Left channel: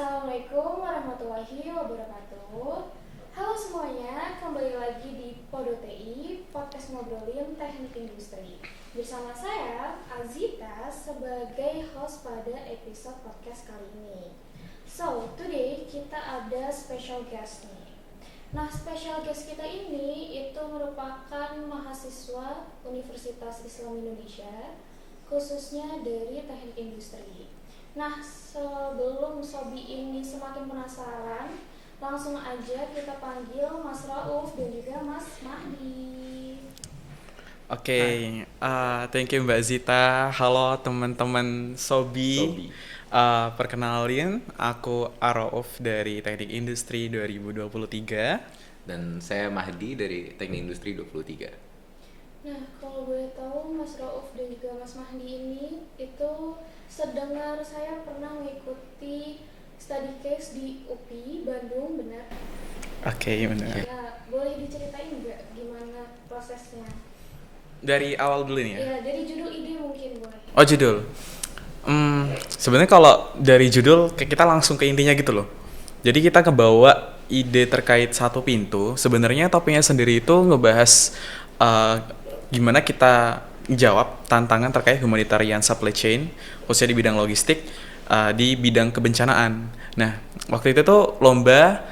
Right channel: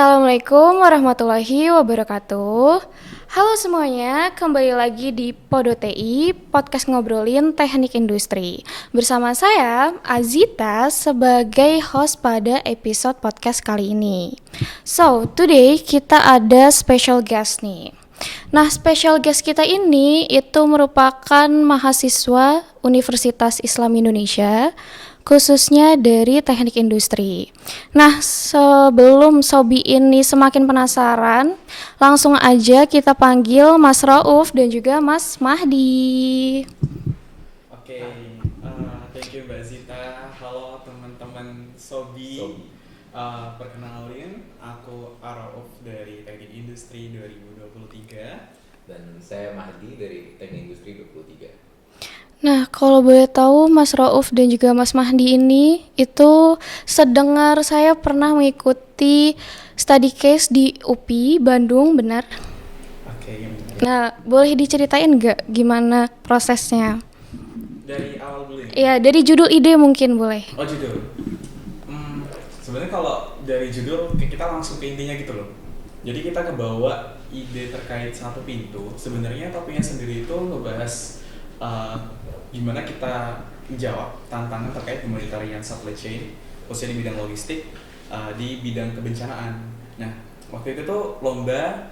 Assalamualaikum warahmatullahi wabarakatuh. Halo semuanya, kembali lagi di Podo TI, podcast ngobrolin teknik industri. Bersama saya, Azita, sebagai host pada episode podcast kali ini. So, today kita ada special guest nih. Nah, special guest kita ini itu merupakan mahasiswa Universitas Islam Indonesia, khususnya dari teknik industri. Nah, sebelum Sobi ini semakin penasaran, langsung aja kita panggil Mas Rauf dan juga Mas Mahdi. Oke, thank you Mbak Zita. Halo teman-teman Sobi. Perkenalin, aku Arauf dari Teknik Industri 2023. Dan saya Mahdi dari Teknik Industri 23. Nah, kalau boleh tahu Mas Rauf dan juga Mas Mahdi ini itu sedengar saya pernah mengikuti study case di UPI Bandung, benar? Oke, benar. Nah, boleh diceritain nggak gimana prosesnya? Dari awal dulu nih ya? Ya, dari judul ide mungkin boleh. Oh, judul. Sebenarnya kalau dari judul kita langsung ke intinya gitu loh. Jadi kita ngebawa ide terkait satu pintu. Sebenarnya topiknya sendiri itu ngebahas gimana kita jawab tantangan terkait humanitarian supply chain, khususnya di bidang logistik, di bidang kebencanaan. Nah, waktu itu tuh lomba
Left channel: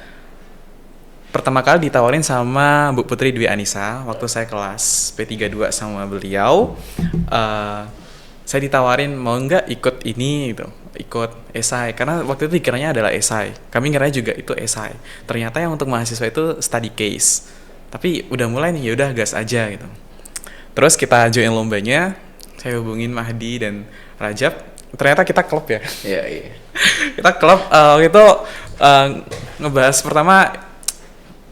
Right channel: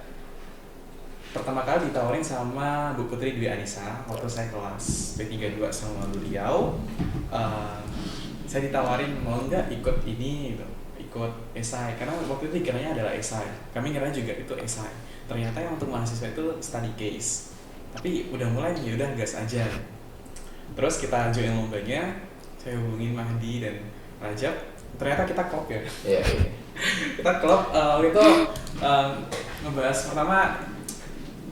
pertama kali ditawarin sama Bu Putri Dwi Anissa waktu saya kelas P32 sama beliau. Saya ditawarin mau nggak ikut ini gitu, ikut esai, karena waktu itu dikiranya adalah esai, kami kiranya juga itu esai, ternyata yang untuk mahasiswa itu study case. Tapi udah mulai nih, yaudah gas aja gitu. Terus kita join lombanya, saya hubungin Mahdi dan Rajab, ternyata kita klop ya. Iya. Kita klop itu ngebahas pertama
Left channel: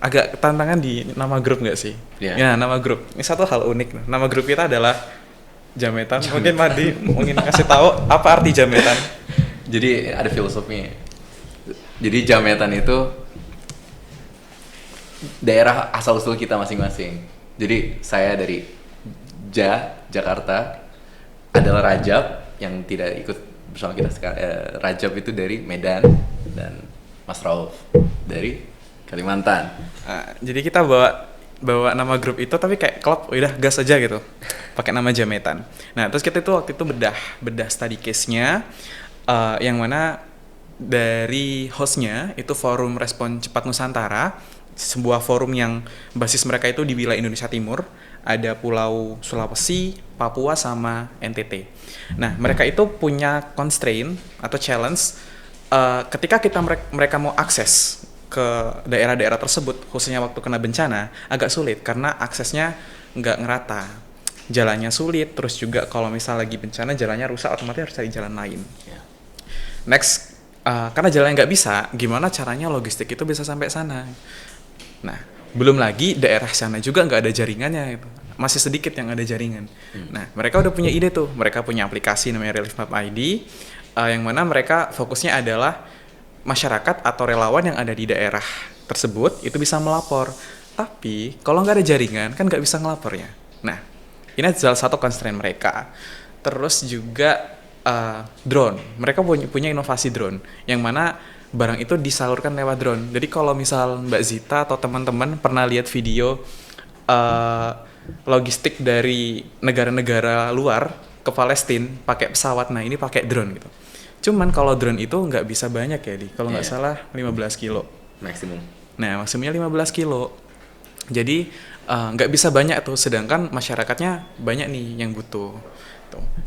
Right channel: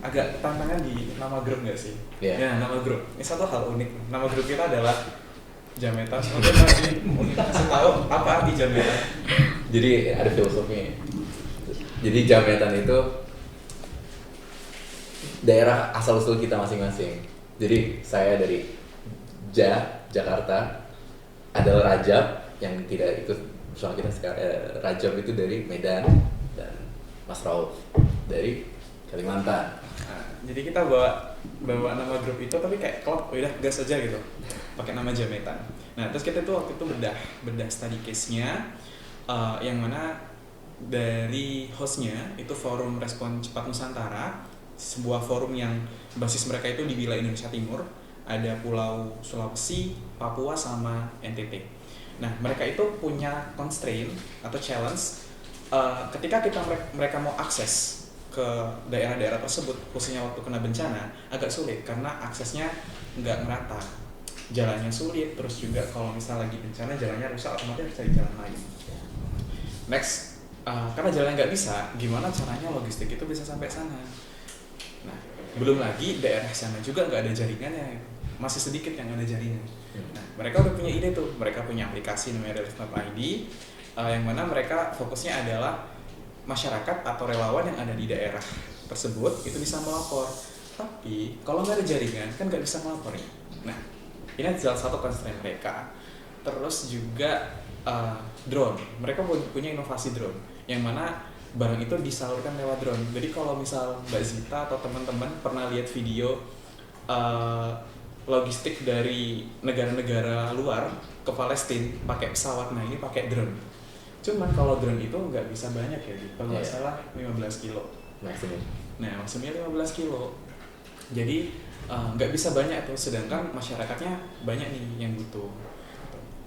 agak tantangan di nama grup nggak sih? Ya, nama grup. Ini satu hal unik. Nama grup kita adalah Jametan. Mungkin Mahdi mungkin kasih tahu apa arti Jametan. Jadi ada filosofinya. Jadi Jametan itu daerah asal usul kita masing-masing. Jadi saya dari Jakarta, adalah Rajab yang tidak ikut bersama kita sekarang. Rajab itu dari Medan dan Mas Rauf dari Kalimantan. Jadi kita bawa nama grup itu tapi kayak klub udah gas aja gitu, pakai nama Jametan. Nah terus kita itu waktu itu bedah study case-nya, yang mana dari hostnya itu Forum Respon Cepat Nusantara, sebuah forum yang basis mereka itu di wilayah Indonesia Timur, ada Pulau Sulawesi, Papua sama NTT. Nah mereka itu punya constraint atau challenge, ketika mereka mau akses ke daerah-daerah tersebut, khususnya waktu kena bencana, agak sulit karena aksesnya nggak ngerata, jalannya sulit, terus juga kalau misal lagi bencana jalannya rusak, otomatis harus cari jalan lain. Next, karena jalannya nggak bisa, gimana caranya logistik itu bisa sampai sana? Nah, belum lagi daerah sana juga nggak ada jaringannya, gitu. Masih sedikit yang ada jaringan. Nah, mereka udah punya ide tuh, mereka punya aplikasi namanya Relief Map ID, yang mana mereka fokusnya adalah masyarakat atau relawan yang ada di daerah tersebut itu bisa melapor. Tapi kalau nggak ada jaringan kan nggak bisa ngelapornya. Nah, ini salah satu constraint mereka. Terus juga drone. Mereka punya inovasi drone yang mana barang itu disalurkan lewat drone. Jadi kalau misal Mbak Zita atau teman-teman pernah lihat video logistik dari negara-negara luar ke Palestina pakai pesawat, nah ini pakai drone gitu. Cuman kalau drone itu nggak bisa banyak ya, kalau nggak salah 15 kilo Maksimum. Nah maksimumnya 15 kilo. Jadi nggak bisa banyak tuh, sedangkan masyarakatnya banyak nih yang butuh.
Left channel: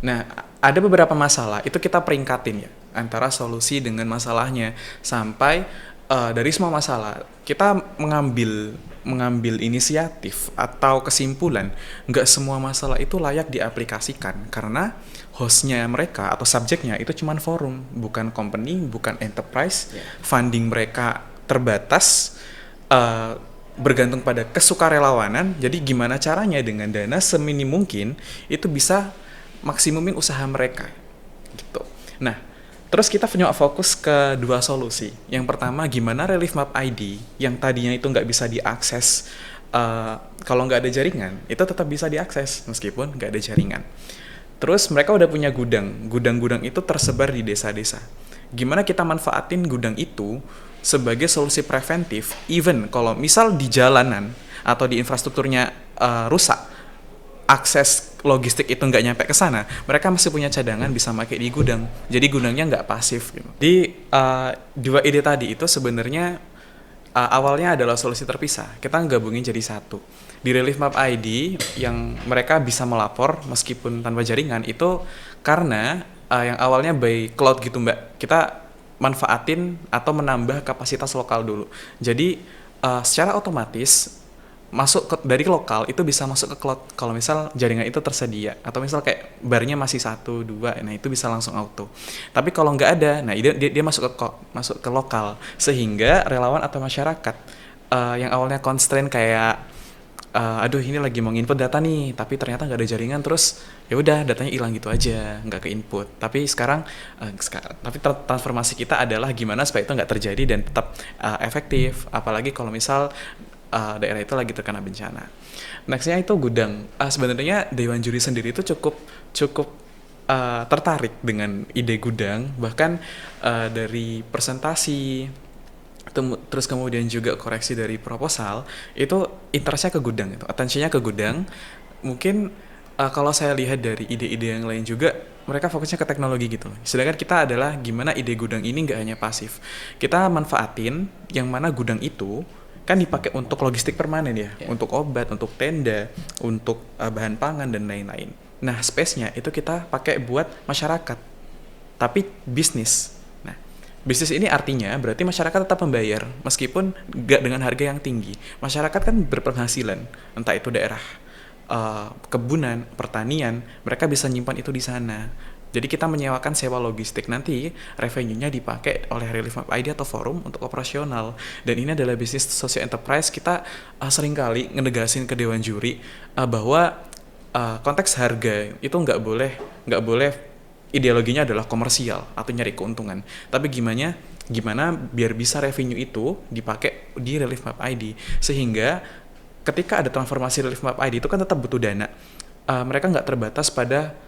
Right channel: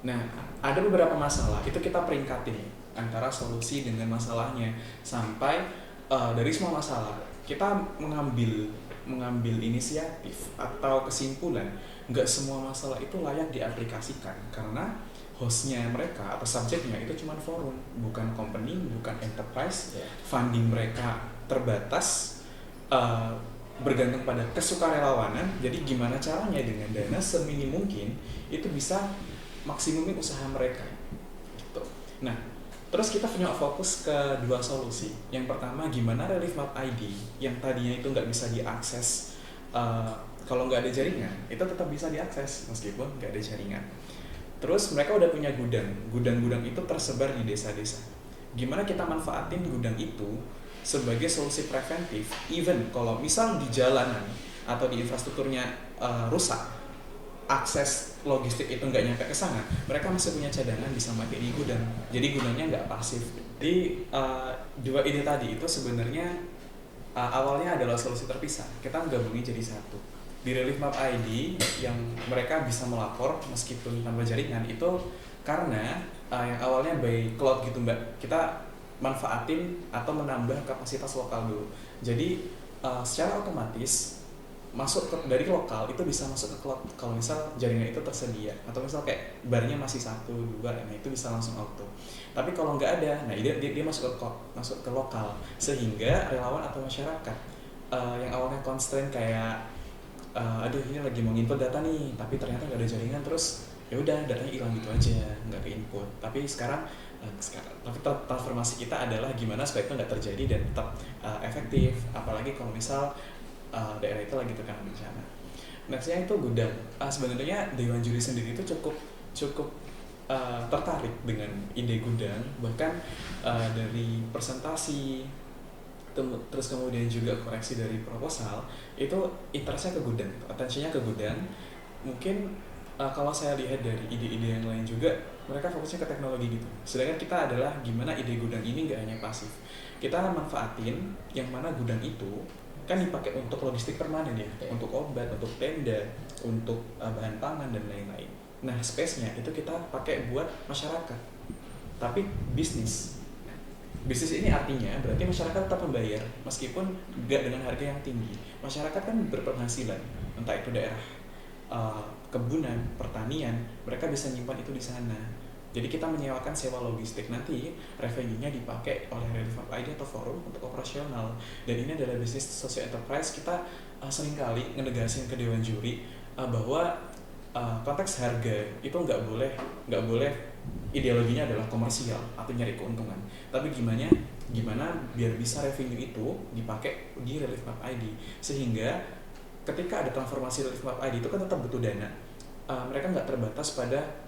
Nah ada beberapa masalah, itu kita peringkatin ya, antara solusi dengan masalahnya. Sampai dari semua masalah, kita mengambil inisiatif atau kesimpulan, nggak semua masalah itu layak diaplikasikan, karena hostnya mereka atau subjeknya itu cuman forum, bukan company, bukan enterprise. Funding mereka terbatas, bergantung pada kesukarelawanan. Jadi gimana caranya dengan dana seminim mungkin itu bisa maksimumin usaha mereka gitu. Nah terus kita punya fokus ke dua solusi. Yang pertama, gimana Relief Map ID yang tadinya itu nggak bisa diakses, kalau nggak ada jaringan itu tetap bisa diakses meskipun nggak ada jaringan. Terus mereka udah punya gudang itu tersebar di desa-desa. gimana kita manfaatin gudang itu sebagai solusi preventif, even kalau misal di jalanan atau di infrastrukturnya rusak, akses logistik itu nggak nyampe ke sana, mereka masih punya cadangan bisa pakai di gudang. Jadi gudangnya nggak pasif gitu. Di dua ide tadi itu sebenarnya awalnya adalah solusi terpisah. Kita gabungin jadi satu. Di Relief Map ID yang mereka bisa melapor meskipun tanpa jaringan itu karena yang awalnya by cloud gitu Mbak. Kita manfaatin atau menambah kapasitas lokal dulu. Jadi secara otomatis dari lokal itu bisa masuk ke cloud kalau misal jaringan itu tersedia, atau misal kayak barnya masih 1, 2, nah itu bisa langsung auto. Tapi kalau nggak ada, nah dia masuk ke lokal, sehingga relawan atau masyarakat yang awalnya constraint kayak aduh ini lagi mau input data nih tapi ternyata nggak ada jaringan, terus ya udah datanya hilang gitu aja, nggak ke input. Tapi sekarang transformasi kita adalah gimana supaya itu nggak terjadi dan tetap efektif, apalagi kalau misal daerah itu lagi terkena bencana. Nextnya itu gudang. Sebenarnya Dewan Juri sendiri itu cukup tertarik dengan ide gudang, bahkan dari presentasi terus kemudian juga koreksi dari proposal itu interestnya ke gudang, itu attentionnya ke gudang. Mungkin kalau saya lihat dari ide-ide yang lain juga mereka fokusnya ke teknologi gitu, sedangkan kita adalah gimana ide gudang ini nggak hanya pasif, kita manfaatin yang mana gudang itu kan dipakai untuk logistik permanen ya, untuk obat, untuk tenda, untuk bahan pangan dan lain-lain. Nah space-nya itu kita pakai buat masyarakat tapi bisnis. Bisnis ini artinya berarti masyarakat tetap membayar meskipun nggak dengan harga yang tinggi. Masyarakat kan berpenghasilan, entah itu daerah kebunan, pertanian, mereka bisa nyimpan itu di sana. Jadi kita menyewakan sewa logistik, nanti revenue-nya dipakai oleh Relief Map ID atau forum untuk operasional. Dan ini adalah bisnis social enterprise. Kita seringkali ngenegasin ke Dewan Juri bahwa konteks harga itu nggak boleh ideologinya adalah komersial atau nyari keuntungan, tapi gimana biar bisa revenue itu dipakai di Relief Map ID, sehingga ketika ada transformasi Relief Map ID itu kan tetap butuh dana. Mereka nggak terbatas pada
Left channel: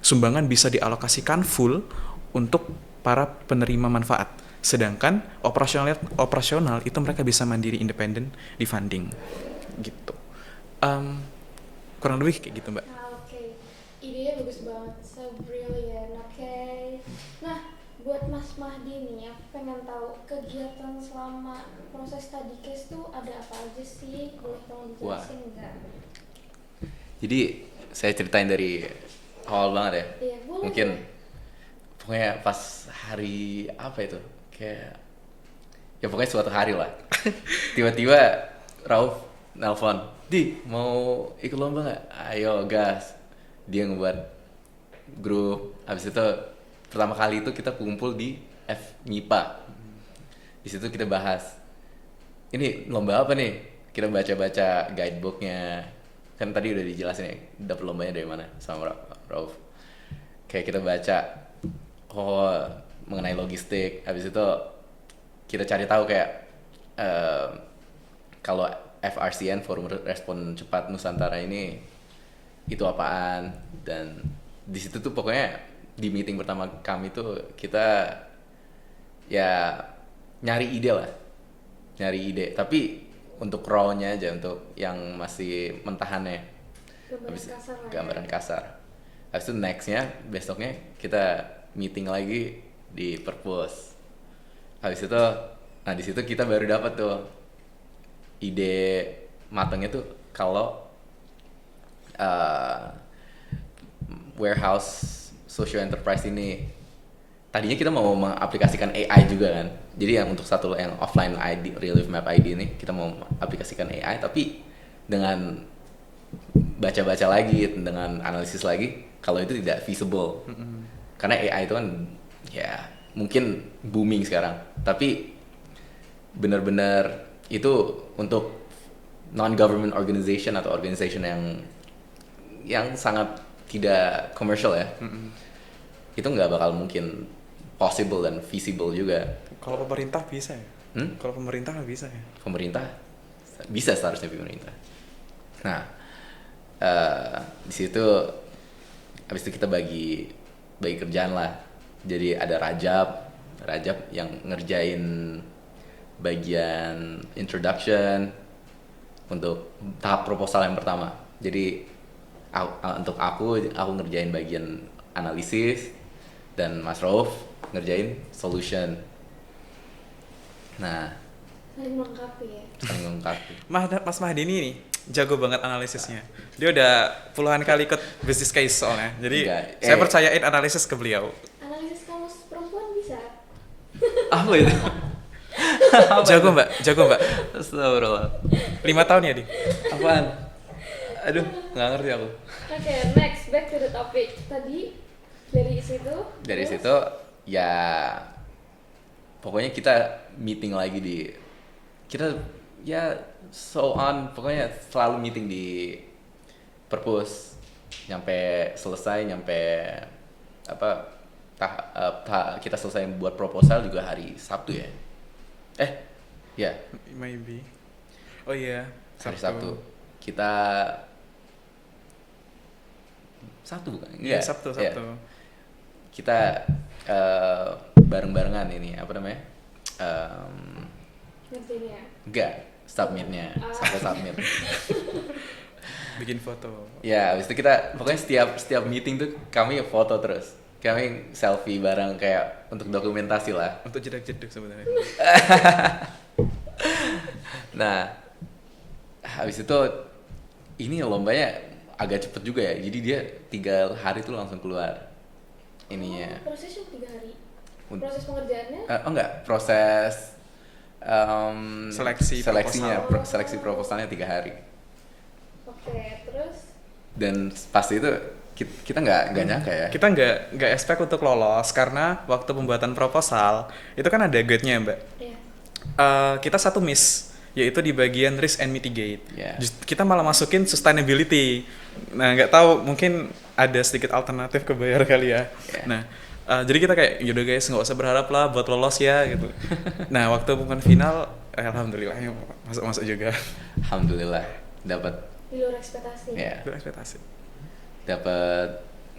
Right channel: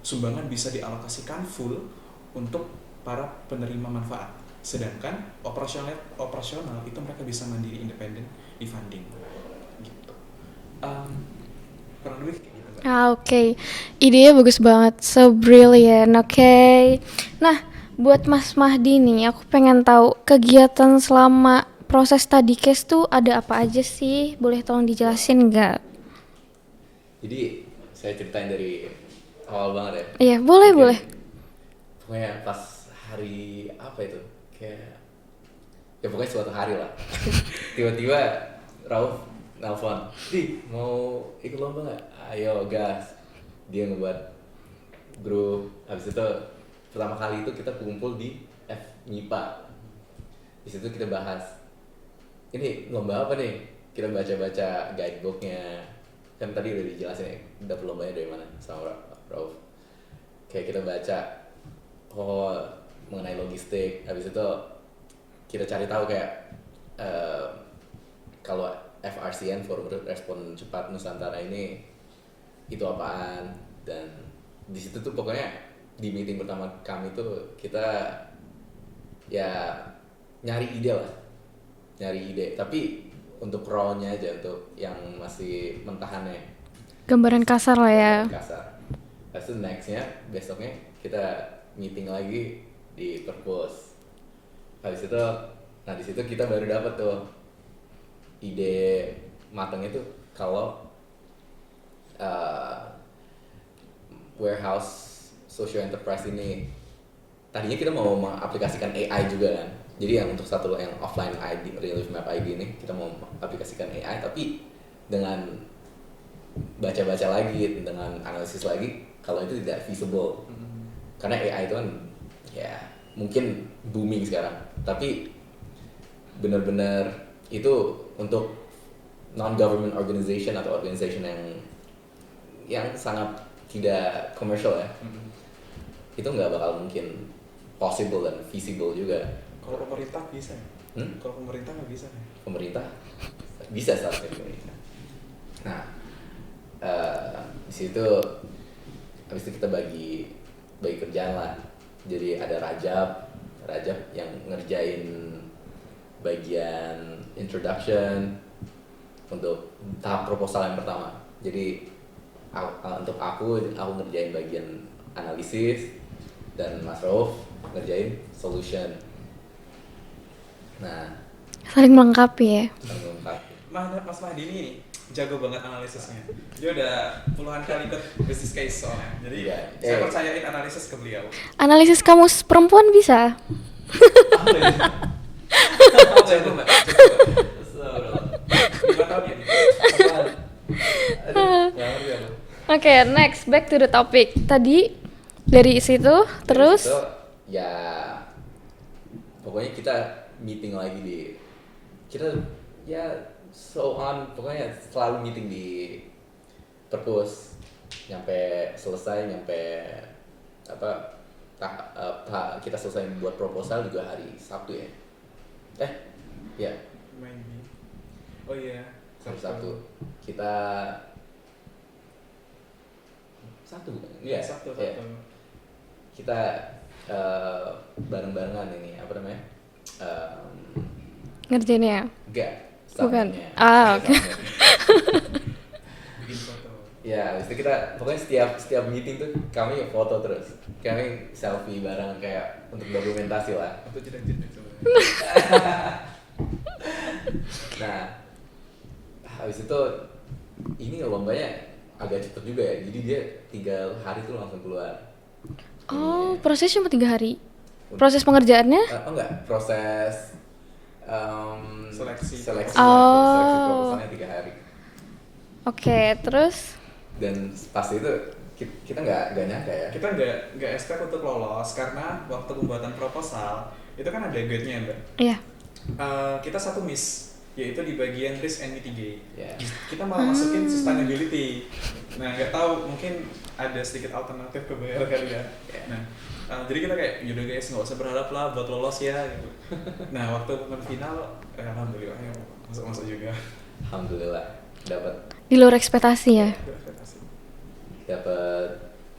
sumbangan bisa dialokasikan full untuk para penerima manfaat, sedangkan operasional itu mereka bisa mandiri independen di funding gitu. Kurang lebih kayak gitu Mbak. Oke. Idenya bagus banget, so brilliant. Oke. Nah, buat Mas Mahdi nih, aku pengen tahu kegiatan selama proses study case tuh ada apa aja sih? Boleh tolong dijelasin nggak? Jadi saya ceritain dari awal banget ya. Iya, boleh. Pokoknya pas hari apa itu, kayak ya pokoknya suatu hari lah. Tiba-tiba Rauf nelfon, "Di, mau ikut lomba nggak? Ayo gas." Dia ngebuat grup. Habis itu pertama kali itu kita kumpul di MIPA. Di situ kita bahas, ini lomba apa nih? Kita baca-baca guidebooknya. Kan tadi udah dijelasin ya, dapet lombanya dari mana sama Rauf. Kayak kita baca, mengenai logistik. Habis itu kita cari tahu kayak kalau FRCN, Forum Respon Cepat Nusantara ini itu apaan, dan di situ tuh pokoknya di meeting pertama kami tuh kita ya nyari ide tapi untuk raw-nya aja, untuk yang masih mentahannya, Gambaran kasar lah ya. kasar. Habis itu nextnya besoknya kita meeting lagi di Perpus. Habis itu di situ kita baru dapat tuh ide matangnya tuh kalau warehouse social enterprise ini tadinya kita mau mengaplikasikan AI juga kan. Jadi yang untuk satu yang offline ID, Relief Map ID ini kita mau aplikasikan AI, tapi dengan baca-baca lagi, dengan analisis lagi, kalau itu tidak feasible. Karena AI itu kan ya mungkin booming sekarang, tapi benar-benar itu untuk non-government organization atau organization yang sangat tidak komersial ya. Itu nggak bakal mungkin possible dan feasible juga. Kalau pemerintah bisa ya? Kalau pemerintah nggak bisa ya? Pemerintah bisa seharusnya pemerintah. Nah, di situ habis itu kita bagi kerjaan lah. Jadi ada Rajab yang ngerjain bagian introduction untuk tahap proposal yang pertama. Jadi untuk aku ngerjain bagian analisis dan Mas Rauf ngerjain solution. Nah, Saling melengkapi ya. saling melengkapi. Mas Mahdi ini nih, jago banget analisisnya. Dia udah puluhan kali ikut business case soalnya. Jadi Enggak, saya percayain analisis ke beliau. Analisis kamus perempuan bisa? Apa itu? Jago mbak. Astagfirullah. 5 tahun ya, Di? Apaan? Aduh, nggak ngerti aku. Oke, next, back to the topic. Tadi dari situ, terus Dari situ, ya pokoknya kita meeting lagi kita ya so on, pokoknya selalu meeting di perpus nyampe selesai, kita selesai buat proposal juga hari Sabtu ya. Ya Maybe. Oh iya, hari Sabtu kita Sabtu bukan? Iya, Iya, Sabtu. iya. Kita bareng-barengan ini apa namanya? ngerjainnya. Enggak, Bukan. staffnya. Ah, oke. Bikin foto. Ya, habis itu kita pokoknya setiap meeting tuh kami foto terus. Kami selfie bareng kayak untuk dokumentasi lah. Untuk jedek-jedek sebenarnya. Nah, habis itu ini lombanya agak cepet juga ya. Jadi dia 3 hari tuh langsung keluar. Oh, prosesnya cuma 3 hari. Proses pengerjaannya? Enggak, proses Seleksi seleksinya, proposal. seleksi proposalnya 3 hari. Oke, terus Dan pasti itu kita nggak nyangka ya. Kita nggak expect untuk lolos karena waktu pembuatan proposal itu kan ada guide-nya mbak. iya. Kita satu miss, yaitu di bagian risk and mitigate. Yeah. Kita malah masukin sustainability. Nah nggak tahu, mungkin ada sedikit alternatif ke bayar kali ya. Yeah. Nah jadi kita kayak yaudah guys, nggak usah berharap lah buat lolos ya gitu. Nah waktu pembukaan final alhamdulillah ya masuk juga. Alhamdulillah dapat Di luar ekspektasi ya. Itu ekspektasi.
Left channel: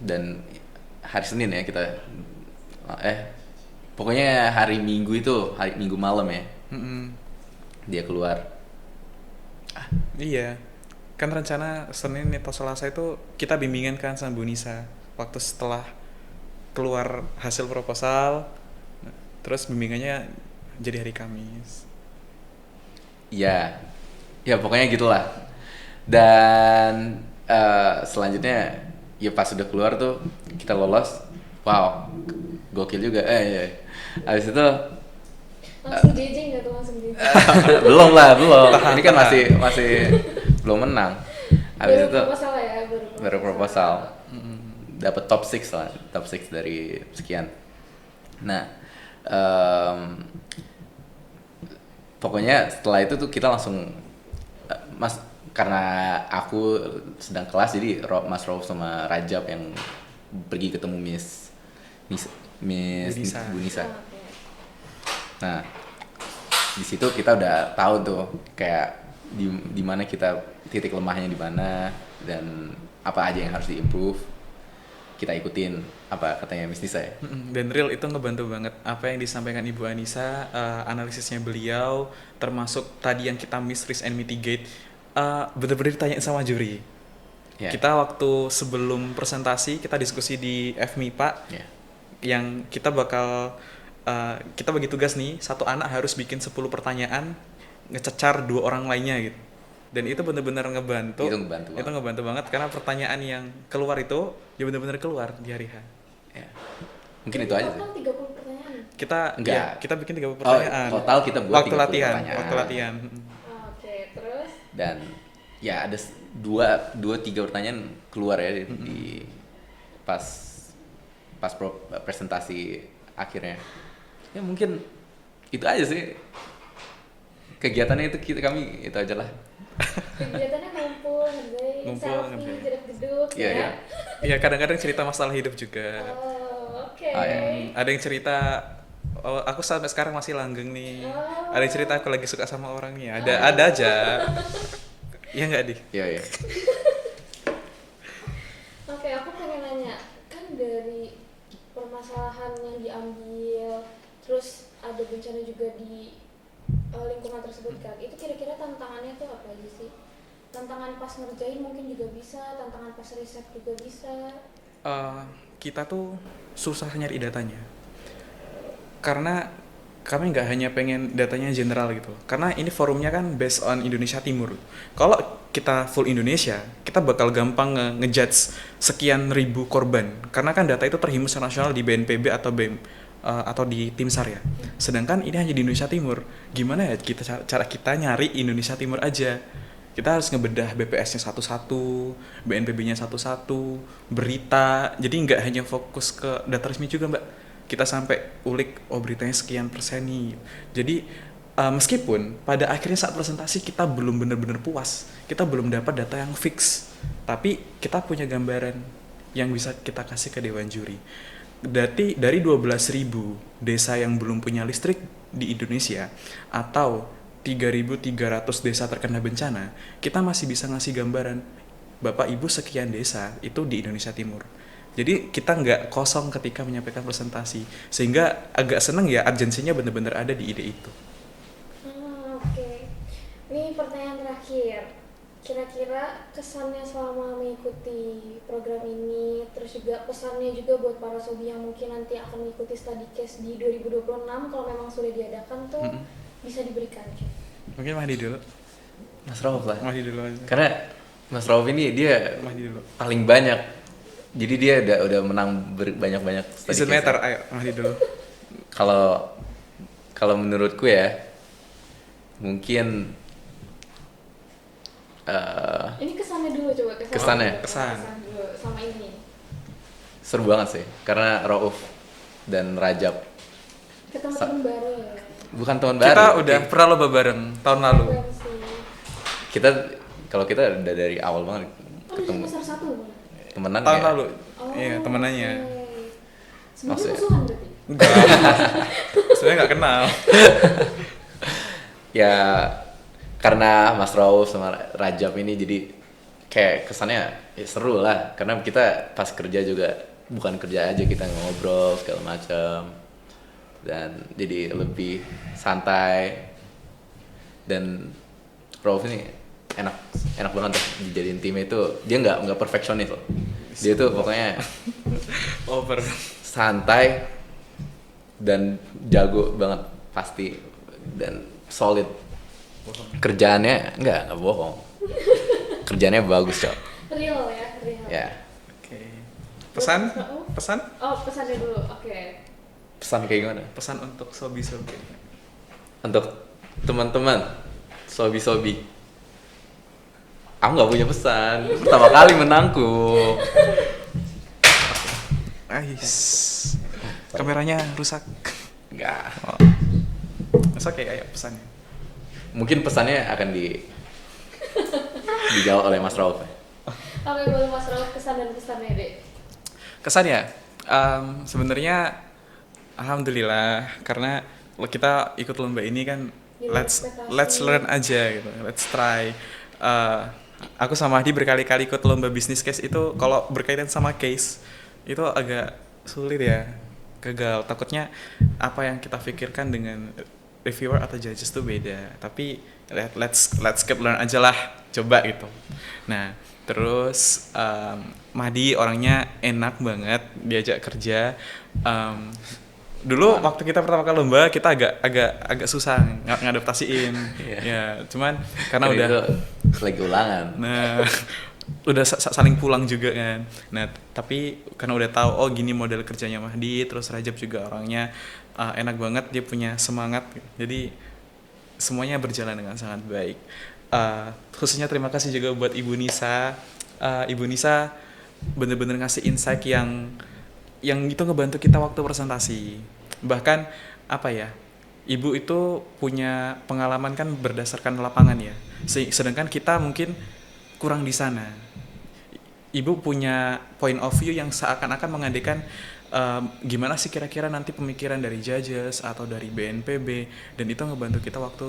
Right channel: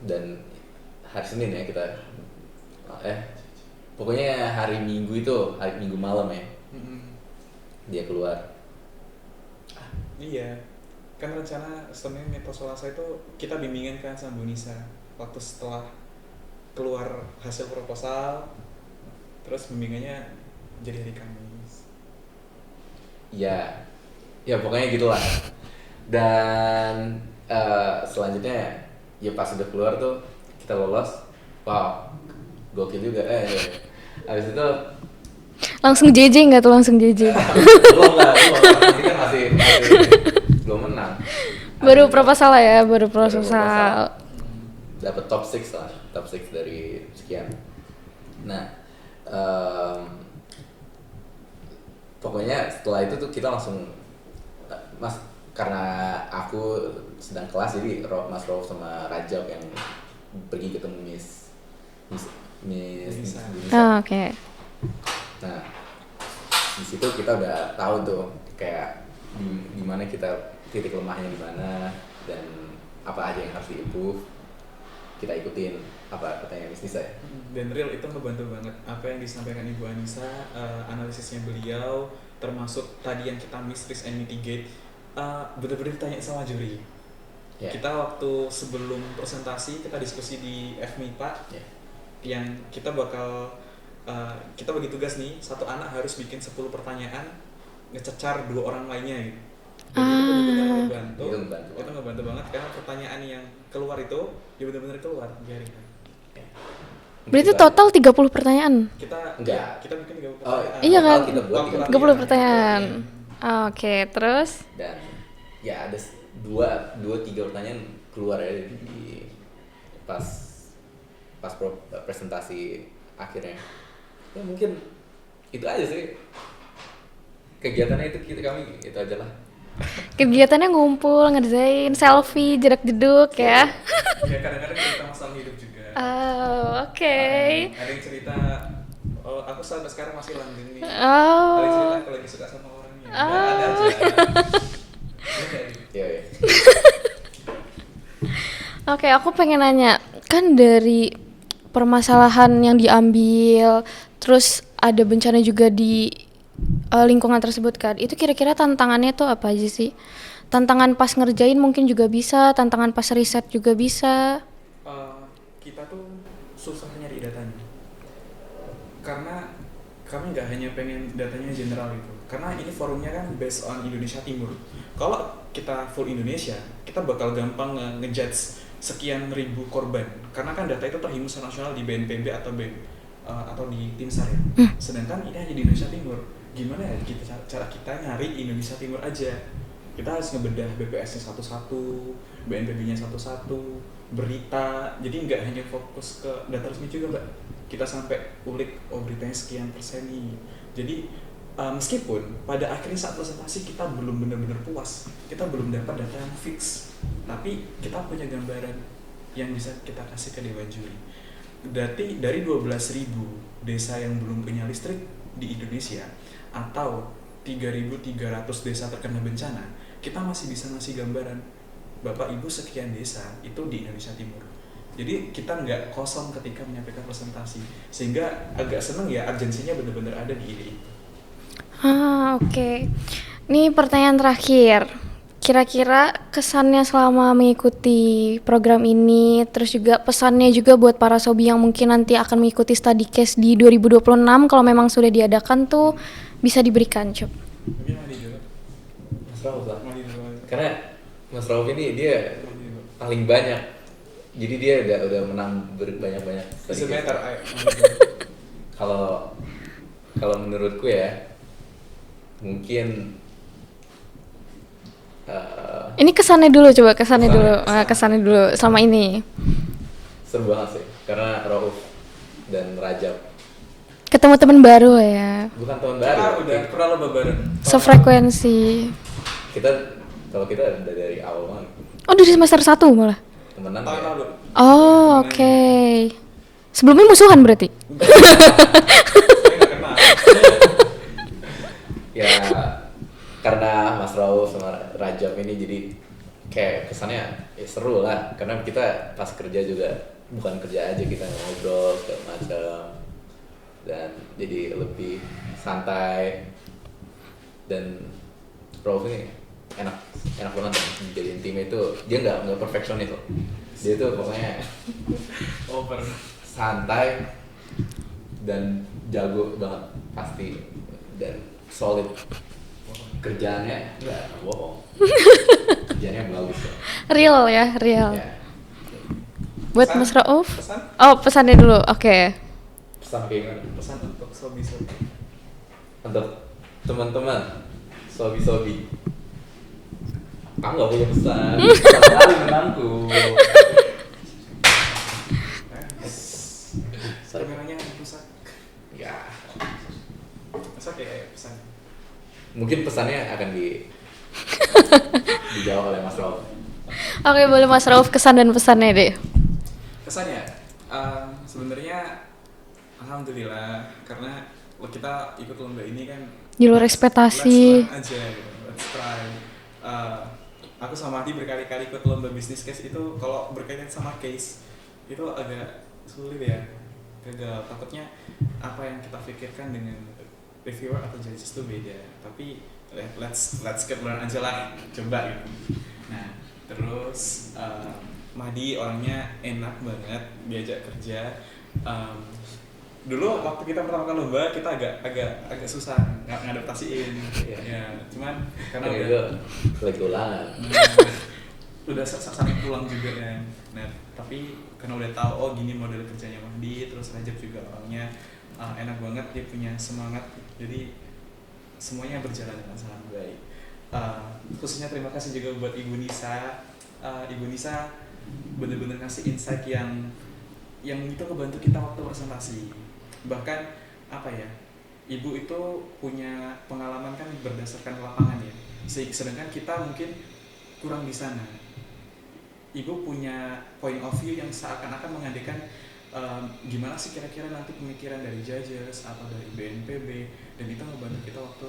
dan hari Senin ya kita pokoknya hari Minggu malam ya Mm-mm. dia keluar. Iya, kan rencana Senin atau Selasa itu kita bimbingan kan sama Bu Nisa. Waktu setelah keluar hasil proposal, terus bimbingannya jadi hari Kamis. Ya pokoknya gitulah. Dan selanjutnya ya pas sudah keluar tuh kita lolos, wow gokil juga. Habis itu Langsung JJ nggak tuh, langsung JJ? belum ini kan masih belum menang. Habis Baru itu proposal ya, baru proposal. proposal. Dapat top 6 dari sekian. Nah pokoknya setelah itu tuh kita langsung karena aku sedang kelas, jadi Mas Rauf sama Rajab yang pergi ketemu Miss Nisa. Bu Nisa. Ah, oke. Nah, di situ kita udah tahu tuh kayak di mana kita titik lemahnya di mana dan apa aja yang harus diimprove. Kita ikutin apa katanya Miss Nisa ya. Dan real itu ngebantu banget apa yang disampaikan Ibu Anissa, analisisnya beliau, termasuk tadi yang kita miss risk and mitigate, bener-bener ditanya sama juri. Yeah. Kita waktu sebelum presentasi kita diskusi di FMIPA, Yeah. yang kita bakal kita bagi tugas nih, satu anak harus bikin 10 pertanyaan ngececar 2 orang lainnya gitu. Dan itu benar-benar ngebantu. Itu ngebantu banget karena pertanyaan yang keluar itu ya benar-benar keluar di hari H. Ya. Berarti total 30 pertanyaan? Kita Enggak. ya, kita bikin 30 pertanyaan. Iya kan? Kita buat Waktu 30 latihan. 30 pertanyaan. Oke, terus? Dan ya ada 2-3 pertanyaan keluar ya di pas presentasi akhirnya. Ya mungkin itu aja sih kegiatannya kami itu aja lah. Kegiatannya ngumpul, ngerjain, selfie, jedak-jeduk ya? Iya, kadang-kadang cerita masalah hidup juga. Oh, oke. Ada yang cerita, oh, aku sampai sekarang masih langgeng nih. Oh. Ada yang cerita aku lagi suka sama orang nih. Ada aja. Iya nggak Di? Iya. Oke, aku pengen nanya, kan dari permasalahan yang diambil, terus ada bencana juga di lingkungan tersebut kan. Itu kira-kira tantangannya tuh apa aja sih? Tantangan pas ngerjain mungkin juga bisa, tantangan pas riset juga bisa. Eh, kita tuh susah nyari datanya karena kami nggak hanya pengen datanya general gitu, karena ini forumnya kan based on Indonesia Timur. Kalau kita full Indonesia, kita bakal gampang ngejudge sekian ribu korban, karena kan data itu terhimpun secara nasional di BNPB atau BEM, atau di tim SAR ya. Sedangkan ini hanya di Indonesia Timur. Gimana ya kita cara kita nyari Indonesia Timur aja? Kita harus ngebedah BPS-nya satu-satu, BNPB-nya satu-satu, berita. Jadi nggak hanya fokus ke data resmi juga, Mbak. Kita sampai ulik, oh beritanya sekian persen nih. Jadi meskipun pada akhirnya saat presentasi kita belum benar-benar puas, kita belum dapat data yang fix, tapi kita punya gambaran yang bisa kita kasih ke Dewan Juri. Dari 12.000 desa yang belum punya listrik di Indonesia, atau 3.300 desa terkena bencana, kita masih bisa ngasih gambaran, Bapak Ibu sekian desa itu di Indonesia Timur. Jadi kita nggak kosong ketika menyampaikan presentasi, sehingga agak seneng ya urgensinya benar-benar ada di ide itu. Oke. Ini pertanyaan terakhir. Kira-kira kesannya selama mengikuti program ini, terus juga pesannya juga buat para sobi yang mungkin nanti akan mengikuti study case di 2026 kalau memang sudah diadakan tuh bisa diberikan, Cuk. Mungkin Mahdi dulu. Mas Rauf lah. Mahdi dulu. Karena Mas Rauf ini dia Mahdi dulu. paling banyak. Jadi dia udah menang banyak-banyak study Doesn't case. matter, ayo Mahdi dulu. Kalau menurutku ya, mungkin Ini kesannya dulu, coba kesannya dulu. Kesannya. Kesannya dulu selama ini. seru banget sih. Karena Rauf dan Rajab Ketemu teman baru ya. bukan teman baru. Kita udah pernah lomba bareng tahun lalu. Sefrekuensi. Kalau kita udah dari awal banget Oh, dari semester 1 malah. temenan Tahun ya. lalu. Oh, Iya, oke. temenannya. Sebelumnya musuhan berarti? Sebenarnya nggak kenal. Ya karena Mas Rauf sama Rajab ini jadi kayak kesannya ya seru lah, karena kita pas kerja juga bukan kerja aja, kita ngobrol segala macam dan jadi lebih santai. Dan Rauf ini enak banget dijadiin tim itu. Dia nggak perfeksionis loh, dia tuh pokoknya Over. santai dan jago banget pasti, dan solid. Kerjaannya nggak bohong, kerjaannya bagus cok. Real ya, real. Ya, Oke. Buat Pesan? Mas Rauf? Pesan? Oh, pesannya dulu. Oke. pesan kayak gimana Pesan untuk sobi-sobi. untuk teman-teman sobi-sobi? Aku nggak punya pesan, sama kali menangku. Nice. Kameranya rusak. Nggak. Oh. Oke, ayo pesannya. Mungkin pesannya akan dijawab oleh Mas Rauf. Oke, boleh Mas Rauf kesan dan pesannya deh. Kesannya, sebenarnya alhamdulillah karena kita ikut lomba ini kan Di luar let's ekspektasi. learn aja gitu, let's try. Aku sama Hadi berkali-kali ikut lomba business case itu, kalau berkaitan sama case itu agak sulit ya, gagal. Takutnya apa yang kita pikirkan dengan reviewer atau judges tuh beda, tapi let's get learn aja lah, coba gitu. Nah terus Mahdi orangnya enak banget diajak kerja. Dulu waktu kita pertama kali lomba kita agak susah ngadaptasiin. Ya cuman karena Kan udah itu lagi ulangan. udah saling pulang juga kan. Nah tapi karena udah tahu oh gini model kerjanya Mahdi, terus Rajab juga orangnya enak banget, dia punya semangat, jadi semuanya berjalan dengan sangat baik. Khususnya terima kasih juga buat Ibu Nisa. Ibu Nisa bener-bener ngasih insight yang itu ngebantu kita waktu presentasi. Bahkan apa ya, Ibu itu punya pengalaman kan berdasarkan lapangan ya, sedangkan kita mungkin kurang di sana. Ibu punya point of view yang seakan-akan mengandaikan gimana sih kira-kira nanti pemikiran dari judges atau dari BNPB, dan itu ngebantu kita waktu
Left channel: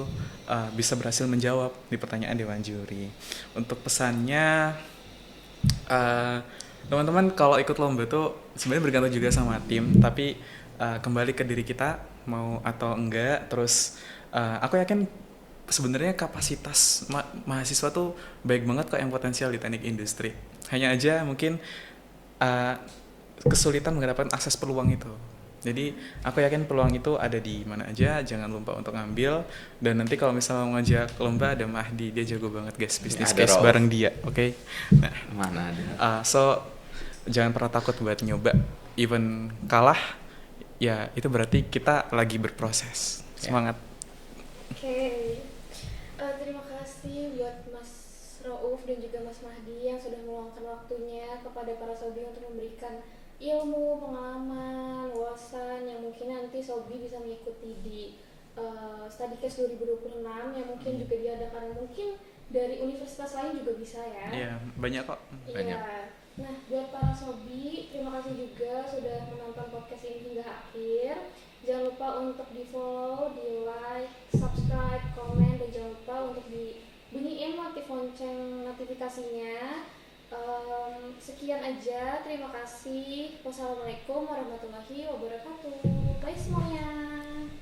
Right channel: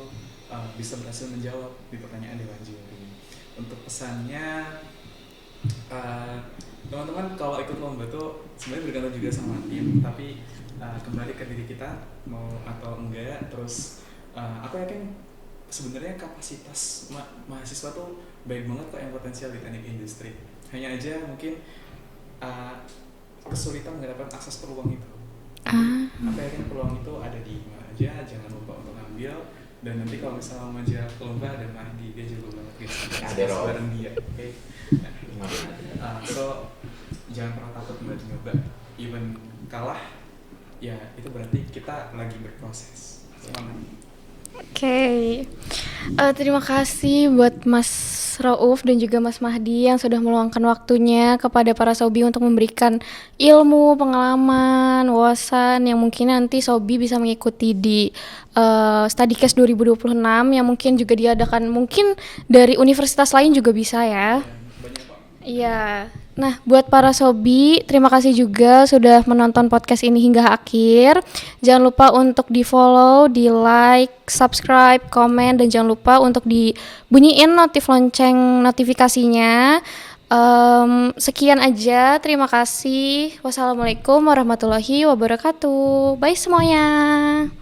bisa berhasil menjawab di pertanyaan Dewan Juri. Untuk pesannya, teman-teman kalau ikut lomba tuh sebenarnya bergantung juga sama tim, tapi kembali ke diri kita mau atau enggak. Terus aku yakin sebenarnya kapasitas mahasiswa tuh baik banget kok yang potensial di teknik industri. Hanya aja mungkin uh, kesulitan mendapatkan akses peluang itu. Jadi aku yakin peluang itu ada di mana aja, jangan lupa untuk ngambil. Dan nanti kalau misalnya mau ngajak lomba ada Mahdi, dia jago banget guys, bisnis Ada case Rolf. bareng dia, oke? Nah, Mana ada. so jangan pernah takut buat nyoba. Even kalah, ya itu berarti kita lagi berproses. Semangat. Oke. Terima kasih buat Mas Rauf dan juga Mas Mahdi yang sudah meluangkan waktunya kepada para Sobi untuk memberikan ilmu, pengalaman, wawasan yang mungkin nanti Sobi bisa mengikuti di Studycast 2026 yang mungkin juga diadakan mungkin dari universitas lain juga bisa ya. Ya, banyak kok. Iya. Nah, buat para Sobi, terima kasih juga sudah menonton podcast ini hingga akhir. Jangan lupa untuk di-follow, di-like, subscribe, komen, dan jangan lupa untuk dibunyiin lonceng notifikasinya. Sekian aja, terima kasih. Wassalamualaikum warahmatullahi wabarakatuh. Bye semuanya.